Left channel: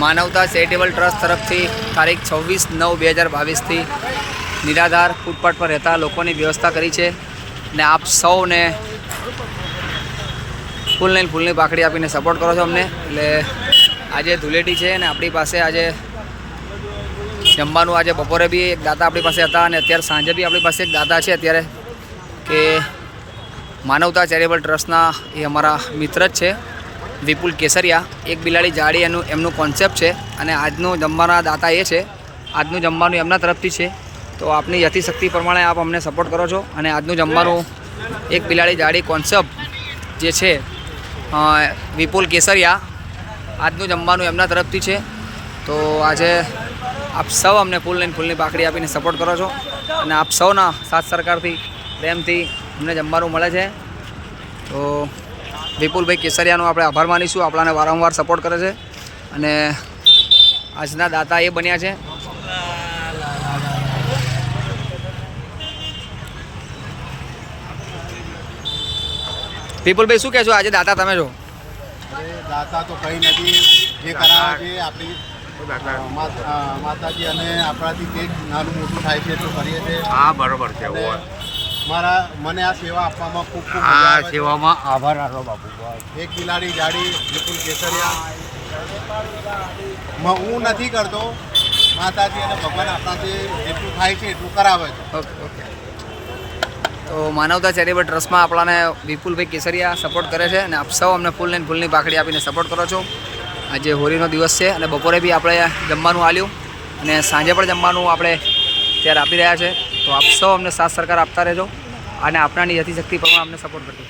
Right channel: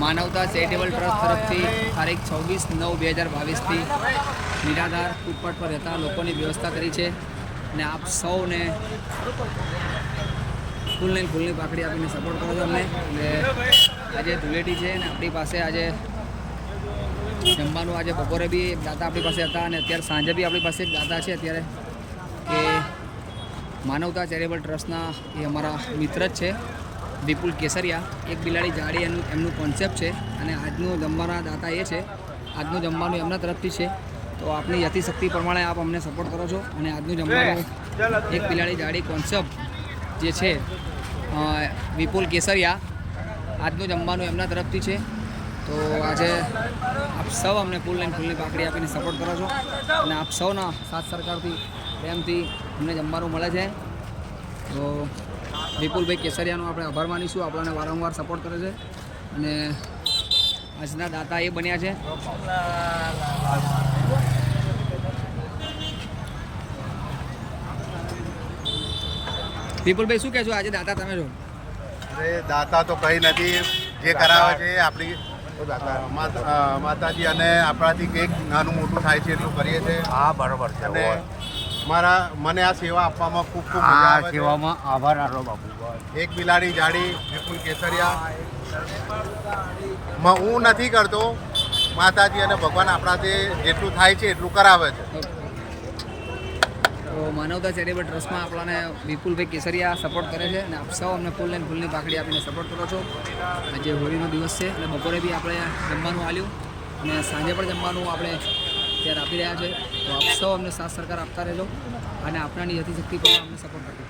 માનવતા charitable trust તરફથી તારીખ 26/9/2022થી નિરાધાર ફૂટપાથ પર રહેતા લોકોની વ્યવસ્થા કરી છે અને આપ સૌને ફૂલની પાકડી આપીને સપોર્ટ કરો છો અમને. એટલે આજે ધૂળેટી છે અને આપણી પાસે આજે જમવાનું આજે બપોરે બી એક દાતા આપણી પાસે હતા અને અત્યારે સાંજે બી આપણી પાસે એક દાતા છે અત્યારે કે માનવતા ચેરિટેબલ ટ્રસ્ટના એ અમારા મિત્ર જ છે વિપુલ કેસરિયા. એક બિલાડી જાડી એમનું કોન્સેપ્ટ છે અને આજનું જમવાના દાતા એ છે. આજનું જમવાનું એમના તરફથી છે. તો આપની યથાશક્તિ પ્રમાણે આપ અમને સપોર્ટ કરો છો અને આજનું જમવાનું એક બિલાડી જાડી કોન્સેપ્ટ જે છે વિપુલ કેસરિયા, આજનું જમવાનું એમના તરફથી છે. તો આજે આપ સૌ અમને ફૂલની પાકડી આપીને સપોર્ટ કરો છો અને આપ સૌના સાથ સરકારથી પ્રેમથી અમને જમવાનું મળે છે. તો વિપુલભાઈ કેસરિયાનો આપણે આભાર માનીશું. આપણાને વારંવાર સપોર્ટ કરે છે અને આજના દાતા એ બન્યા છે. વિપુલભાઈ શું કહેશો આજે દાતા તમે છો? અરે દાતા તો કંઈ નથી, જે કરાવે છે આપણી માતાજી અને આપણાથી કંઈક નાનું મોટું થાય છે એટલું કરીએ છીએ. હા, બરોબર છે. અને મને આ સેવા આપવામાં ખૂબ સેવામાં આભાર આપો બાપુ. એક બિલાડી જાડી વિપુલ કેસરિયા હું નથી કરતો, માતાજી અને ભગવાન આપણાથી જેટલું થાય છે એટલું કરાવે છે. ઓકે. તો માનવતા ચેરિટેબલ ટ્રસ્ટમાં આપણાને વિપુલભાઈ કેસરિયા સપોર્ટ કરે છે અને આપ સૌ અમને ફૂલની પાકડી આપીને સપોર્ટ કરો છો. આજે હોળીનો દિવસ છે અને બપોરે બી આપણે જમવાનું આલ્યું અને સાંજે પણ જમવાનું આપણે ત્યારે આપી રહ્યા છે. તો આપ સૌ અમને સાથ સરકાર આપતા રહેજો અને આપણાની યથાશક્તિ પ્રમાણે અમને સપોર્ટ કરજો.